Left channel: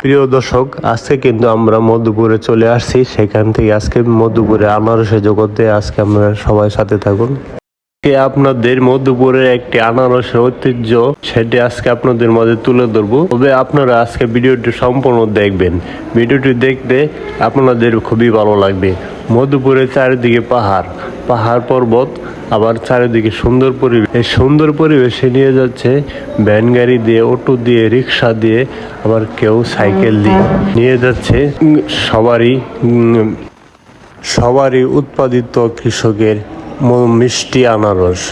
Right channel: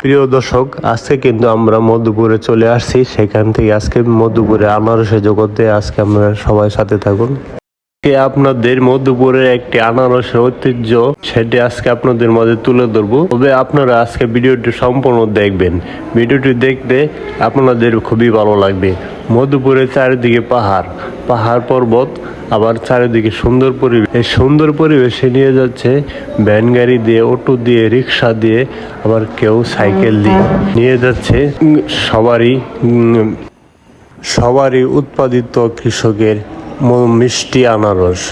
প্রিয় দর্শক, আজকে কিন্তু আমরা মধুপুরে চলে আসছি। সেখান থেকে আজকে মধুপুরে আনারসের জগতে আজকে আমরা সবাই সাথে থাকুন। আপনাদের মধুপুরের একটি আনারসের ঐতিহ্য, সেটি আজকে আপনাদের মাঝে তুলে ধরবো। তবে আপনারা আজকে ভিডিওটি সম্পূর্ণ দেখবেন। ভিডিওটি দেখতে আপনাদের খুবই ভালো লাগবে। মধুপুরের চারিদিকে পাহাড় পর্বত, আবার চারিদিকে সুন্দর পরিবেশ। এই সুন্দর পরিবেশে নিয়ে যাচ্ছে ভ্যান গাড়ি দিয়ে, অটো দিয়ে, রিক্সা দিয়ে, আবার কেউ সাইকেল দিয়ে নিয়ে যাচ্ছে। সবারই উৎপাদিত কৃষকের মিষ্টি আনারস।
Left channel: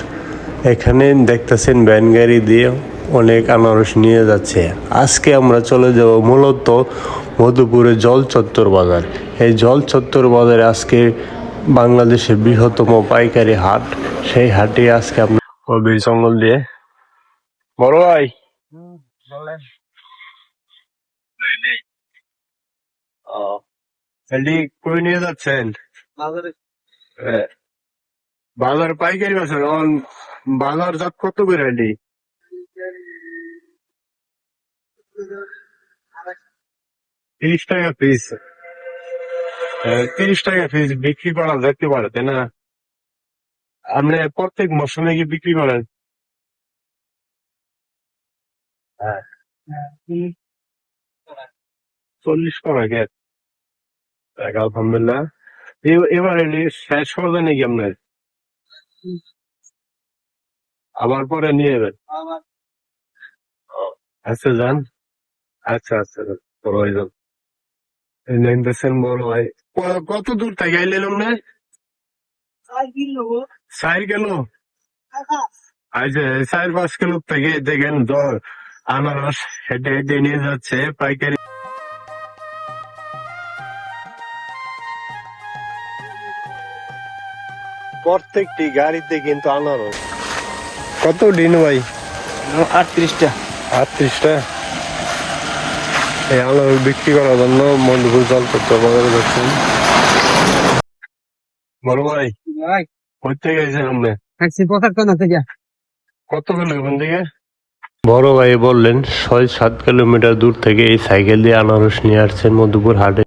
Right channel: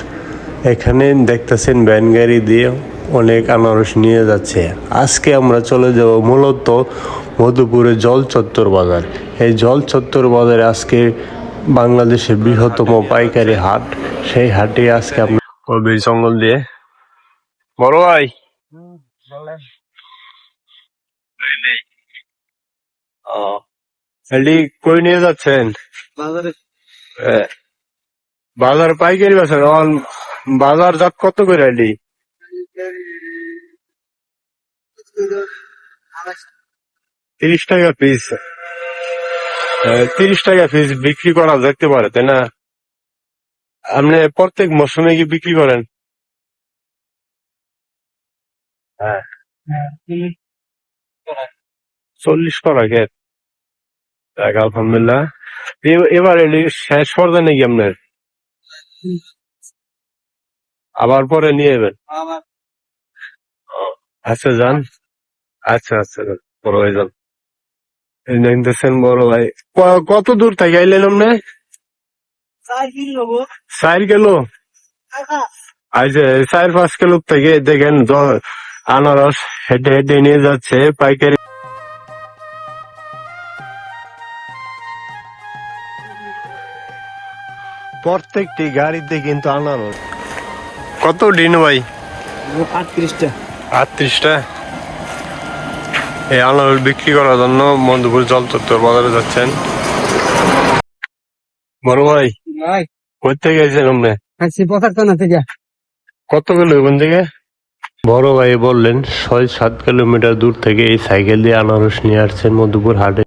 এখানে দেখতেছেন ভ্যান গাড়ি দিয়ে অনেক আনারস নিয়ে যাচ্ছে। আজকে আমরা চলে যাব মূলত মধুপুরের জল চত্বর বাজার। এই জল চত্বর বাজারে আজকে বাংলাদেশের বৃহত্তম পাইকারি হাট। সেই হাটে আজকে আপনার কবির জঙ্গল দিয়ে বড় ভাই কই নিয়ে যাচ্ছেন? বাজার পাইকারি বাজার বাজার জাত কত করে এলি? 30 টাকা পিস। 30 টাকা পিস বিক্রি করা যেতে পারে, তাই না? আপনি প্রত্যেক মৌসুমে কি বিক্রি করেন? হ্যাঁ, 40 টাকা গেট। আলহামদুলিল্লাহ। এবার এলি শেষ পর্যায়ে নাকি আপনার? আবার পরে নিয়ে যাবেন? আচ্ছা যান। আচ্ছা আচ্ছা যান, বড় ভাই যান। দেখতেছেন বড় ভাই কত দূর থেকে আইলেন আপনি? 4 কিলো। আচ্ছা, 4-5 কিলো থেকে দেখেন আনারস হেঁটে হেঁটে নিয়ে যাচ্ছে পাইকারি। প্রত্যেকটি গাড়িতে কিন্তু আনারস। কত দিন ভাই? 38টা। 38টা। এই আনারস বিক্রি করার জন্য মধুপুর জল চত্বর বাজারে যাচ্ছেন। বড় ভাই কই থেকে গেছেন আপনি? 75 থেকে। কত কিলো ওখান থেকে? বড় ভাই বললেন 6-7 কিলোমিটার দূর থেকে এই সাইকেল দিয়ে আনারস নিয়ে আসছেন মধুপুর হাটে।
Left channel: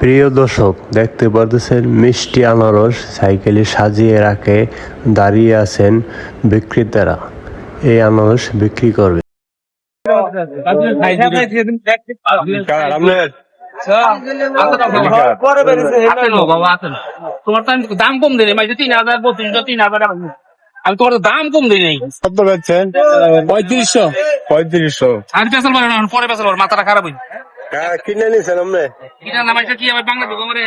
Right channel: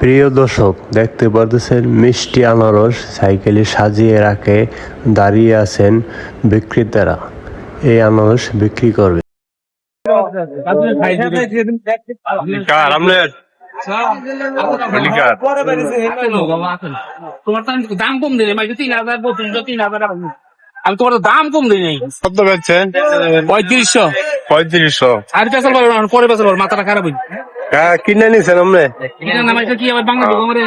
প্রিয় দর্শক, দেখতে পারতেছেন মিষ্টি আনারস সাইকেলে সাজিয়ে রাখে দাঁড়িয়ে আছেন বিক্রেতারা। এই আনারস বিক্রি করবে। তোমার দাম কম দিলে 3000 3200 আমি তোমার দাম কম দিই নাই। কত বেচছেন? 3500। 3500। আর পেছাল পারবো না, পরে পেছাল পারবো, মাথাটা খারাপ হইছে। কিনে নিছেন আপনি? এটা নাম কি আবার বাংলা দিব আমারে?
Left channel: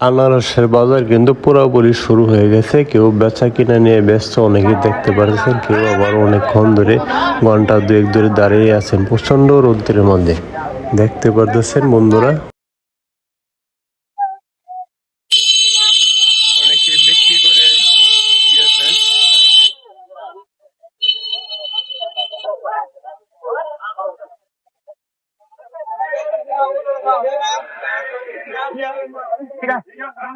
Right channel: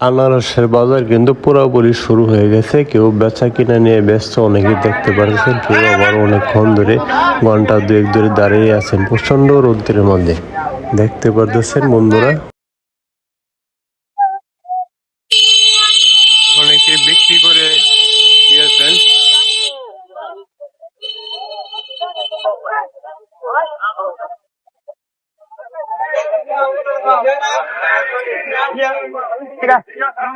আনারসের বাজার কিন্তু পুরোপুরি শুরু হয়ে গেছে। কেউ বেচা কিনা নিয়ে ব্যস্ত, অনেকেই দেখতে পাচ্ছেন। কেউ আবার অনেকক্ষণ ধরে ঘন্টা 2-1 ধরে দাঁড়িয়ে আছেন প্রচন্ড রোদ্রের মধ্যে। দেখতে পাচ্ছেন বন্ধুরা, অনেকে বিক্রি করে দিয়েছেন।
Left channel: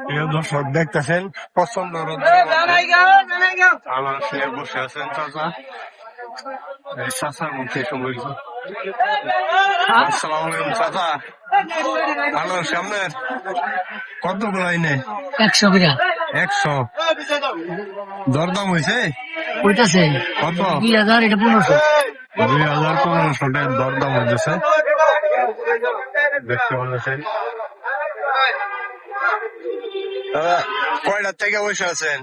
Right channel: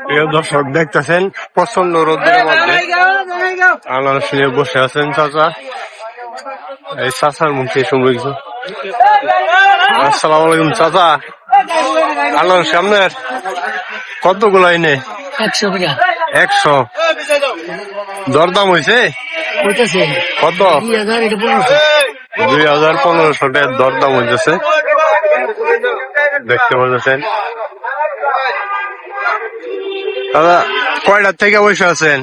প্রিয় দর্শক, দেখতেছেন প্রচন্ড রোদের মধ্যে আনারস নিয়ে বসে আছেন চাচা। এই চাচার মুখে শুনবো কিছু। আসসালামু আলাইকুম চাচা। আনারস আপনার কতগুলো আইনে? 100। দরদাম হয়েছে কত? 2500 টাকার দরদাম হইতেছে। দেখতে পাচ্ছেন দাদা, কয়টার থেকে বসে আছেন?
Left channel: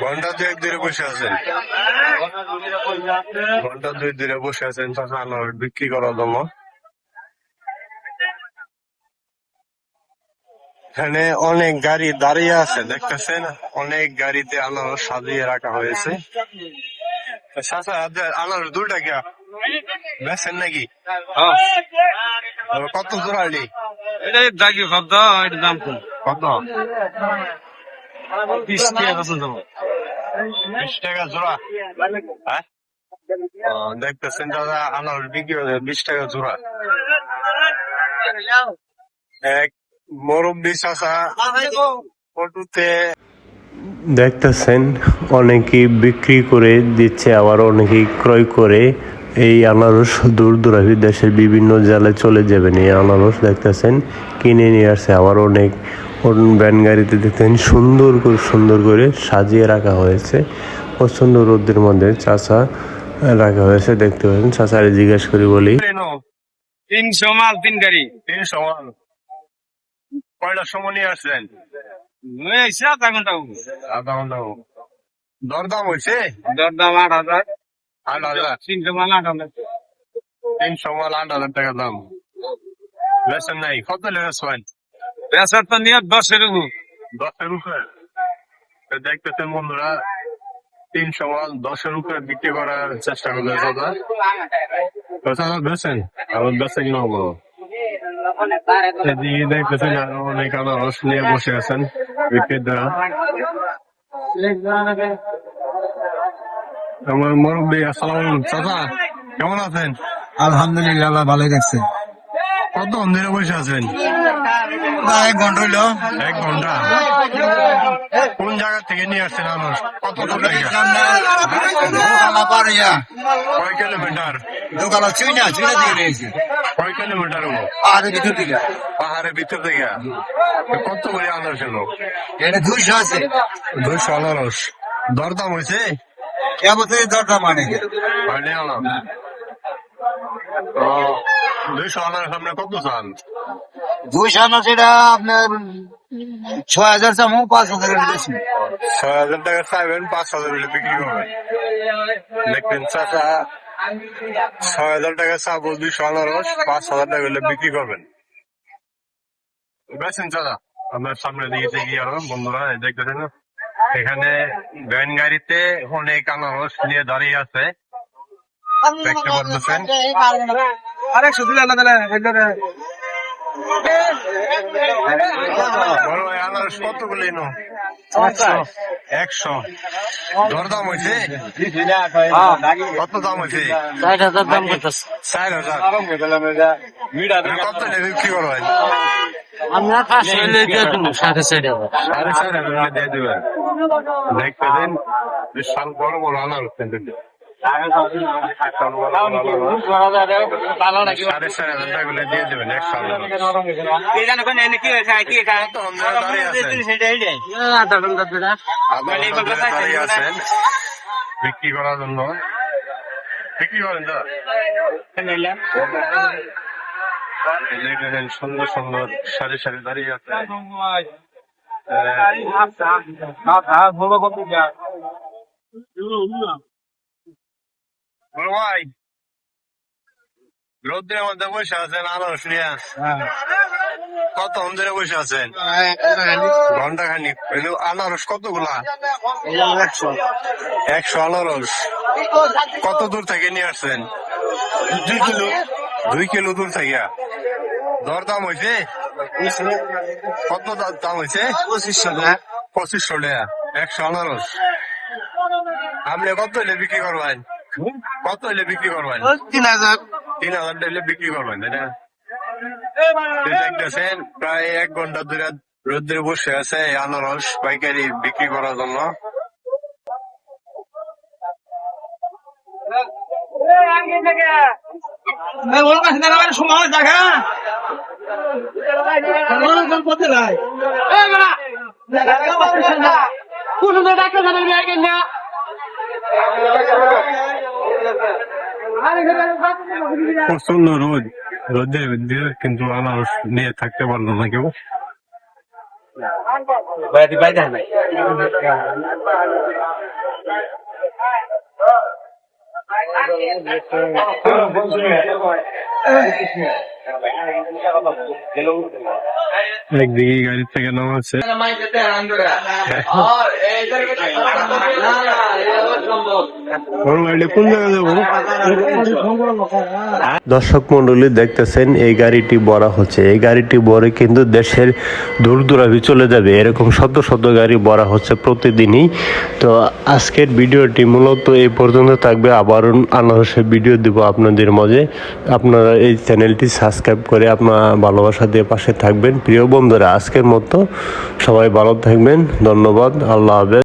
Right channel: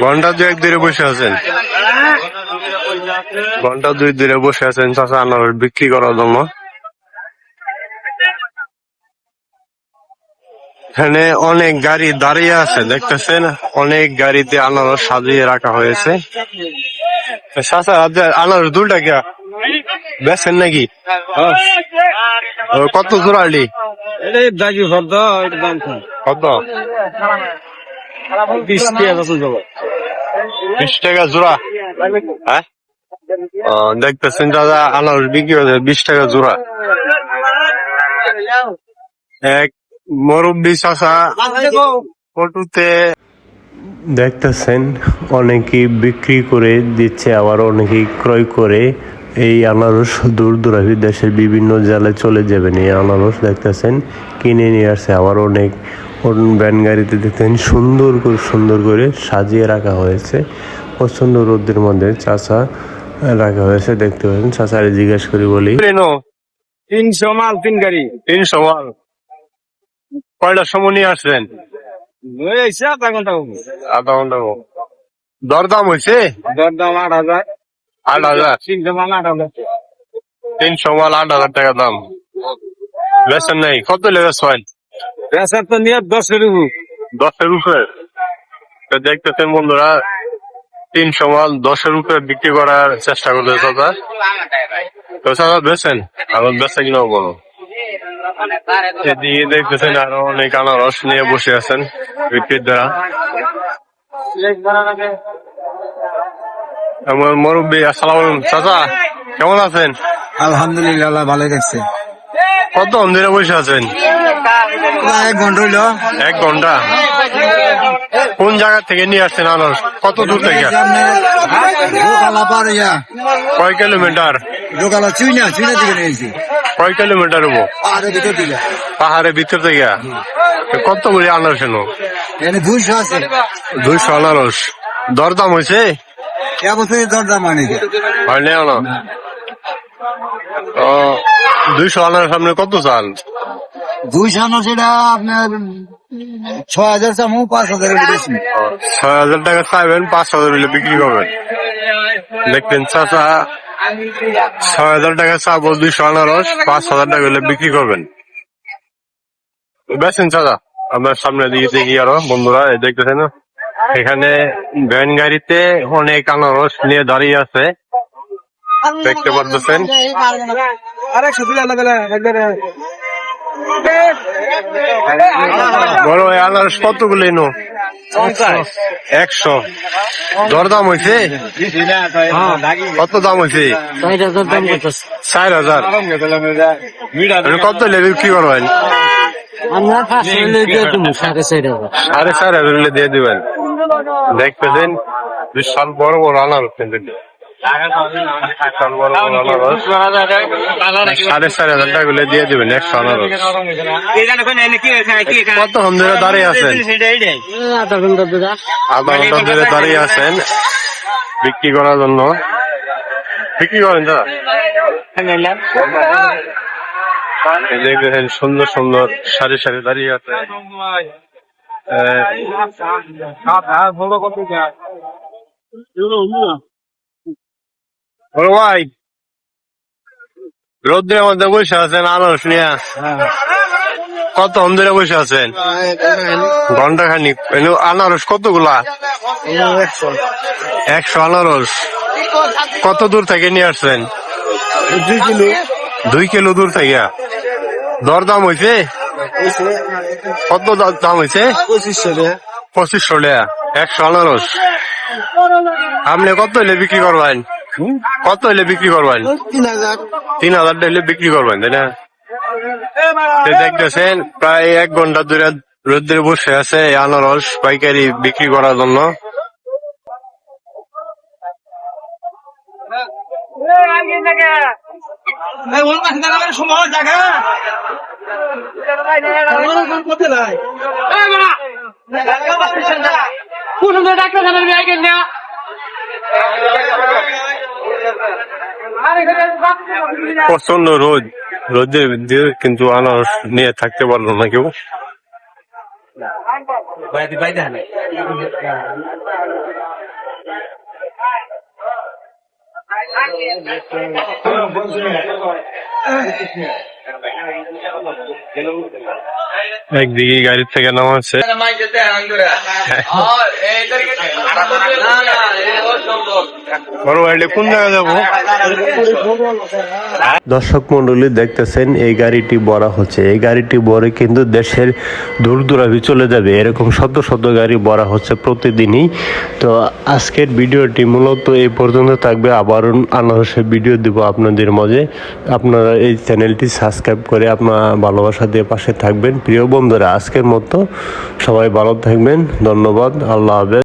ঘন্টা 2-1 ধরে বসে আছেন। ঘন্টা 2 ধরে বসে আছেন চাচা আনারস বিক্রি করার জন্য। এখানে অনেক গাড়ি দাঁড়িয়ে আছে, দেখতেছেন অনেক গাড়িতে আনারস সাজিয়ে রাখা হয়েছে। চাচা আনারস 2 টাকা বেচেন নাকি? কত জোড়ালি? কত? 20 টাকা জোড়া। হ্যাঁ, দেখতেছেন দাদা আনারস বিক্রি হচ্ছে 20 টাকা জোড়া। এক মুরব্বি চাচা ফটোতে দেখতেছেন অনেকেই বিক্রি করে দিচ্ছে, আবার অনেকেই ক্রয় করে এই আনারস দূর দূরান্তের দেশের বিভিন্ন জেলায় চলে যাবেন। এই আনারস দেখতেছেন কিনে নিয়ে আসছে, আবার অনেক ভ্যান গাড়িতে দেখতেন সুন্দর করে সাজিয়ে রাখা হয়েছে। প্রচন্ড রোদের মধ্যে চাচা রাখা হয়েছে, দেখতে পাচ্ছেন। চাচারে জিজ্ঞেস করি বলি 300 মাল 3 গাড়ি 300 মাল কয়টার সময় নিয়ে আসছেন? লই আইছে আধা ঘন্টা আধা ঘন্টা দরদাম হয়েছে? দরদাম 8,000 8,000 300 মাল 8,000 300 মাল 8,000 টাকা দাম। বেচেন নাই? কত লেগে ছয়? পেশার তো নিয়ে 10 এর উপর 10-এর উপরে। তো দেখতেছেন বন্ধুরা 300 মাল 10-এর উপরে বিক্রি করার চেষ্টা করতে চাচা। তো চাচা বেচেন? আমার বেচা কিনা বলো। এদিকে দেখতেছেন আরো অনেক আনারস নিয়ে বসে আছেন বিক্রির দ্বারা। আমার মুরব্বী, আসসালামু আলাইকুম। চাচা কেমন আছেন? আলহামদুলিল্লাহ আল্লাহ ভালো রাখছে। কত ধরে বসে আছেন? 1 ঘন্টা হইলো। 1 ঘন্টা। কোন জায়গা থেকে নিয়ে আসছেন আনারস? কত দূর থেকে? দোকালা পার ইয়া কয় কিলোমিটার? দোকালা চুইনা থেকে নিয়েছি কয় কিলোমিটার হবো? পাহাড়ের ভিতর থেকে। পাহাড়ের ভিতর থেকে? কত করে আনারস এলো? এনে 200 আছে। 200 আনারস। দরদাম হয়েছে? কেমন তুই দরদাম মানে হয় না না। ও 200 আনারস সামনে কত চাল? 200 আনা সেটা আপনার 6,000 চামু 5,000 এর বেশি। 6,000 টাকা চাইবেন, 5,000 হলে বিক্রি করবেন। দেখবেন চাচা 6,000 টাকা চাবো, 200 আনারস 5,000 টাকা হলে বিক্রি করবেন। বেচেন চাচা? আপনার সামনে দিকে দেখি আরো বন্ধুরা, এই দেখতেছেন না এখানে ভ্যান গাড়িতে অনেক আনারস নিয়ে দাঁড়িয়ে আছে, দেখতে পাচ্ছেন। আরেকশো দিলে আল্লাহ দিলে বড় এই আনারস কতগুলো এনো? 100। দরদাম হয়েছে? কত দাম হয়েছে? 4,000। কত হলে বিক্রি করবেন? 4,500 হলে দিয়ে দিবেন। দেখতেছেন বিশাল বড় বড় আনারস, কিন্তু বিশাল বড় বড় আনারস 4,500 টাকা হলে দিয়ে দিবেন 100 আনারস। কত ধরে দাঁড়িয়ে আছেন? আধা ঘন্টা ধরে দাঁড়িয়ে আছেন বিক্রি করার জন্য। বিক্রি করেন দাদা? দেখবেন সুন্দর সারি দাঁড়িয়ে আছে। বড় ভাই, রোদ্রের মধ্যে বসে আছেন আনারস নিয়ে, কত ধরে বসে আছেন? ঘন্টা খানিক। আনারস কতগুলা? 100 আনারস। কত দূর থেকে নিয়ে আসছেন? 2 কিলো। 2 কিলো দূর থেকে। দরদাম হয়েছে? কত দাম হয়েছে? 2500 টাকা। 2500 টাকা 100 আনারস। আপনি কত হলে বিক্রি করবেন? কত হলে বিক্রি করবেন? 3,000। 3,000 হলে বিক্রি করবেন, তাই না? দেখতেছেন প্রায় 1 ঘন্টা ধরে রোদ্রে বসে আছে এই আনারস পাইকারি বিক্রি করার জন্য। প্রচন্ড রোদের দিয়ে কিন্তু আনারস নিয়ে থাকতে পারলো না কেউ। একদিকে গাড়ি থেকে নামাচ্ছে। বড় গাড়ি কোন জায়গায় যাবো? দর্শক মন্ডলী দেখতেছেন এই গাড়িটি ভরা হচ্ছে। এই গাড়িটি ভরে কিন্তু দেশের দূর দূরান্তে চলে যাবে। এরকম শত গাড়ি ভরা হচ্ছে প্রতিদিনই। তো আজকের ভিডিওটি মূলত এই পর্যন্ত থাকবে। আবার আনারসের ভিডিও দিব আপনাদের মাঝে। আপনারা এই চ্যানেলটি সাবস্ক্রাইব করে আপনার ভালোবাসা দিয়ে পাশে থাকবেন। প্রিয় বন্ধুরা, আজকের মতো সবাই ভালো থাকবেন। ধন্যবাদ। আল্লাহ হাফেজ।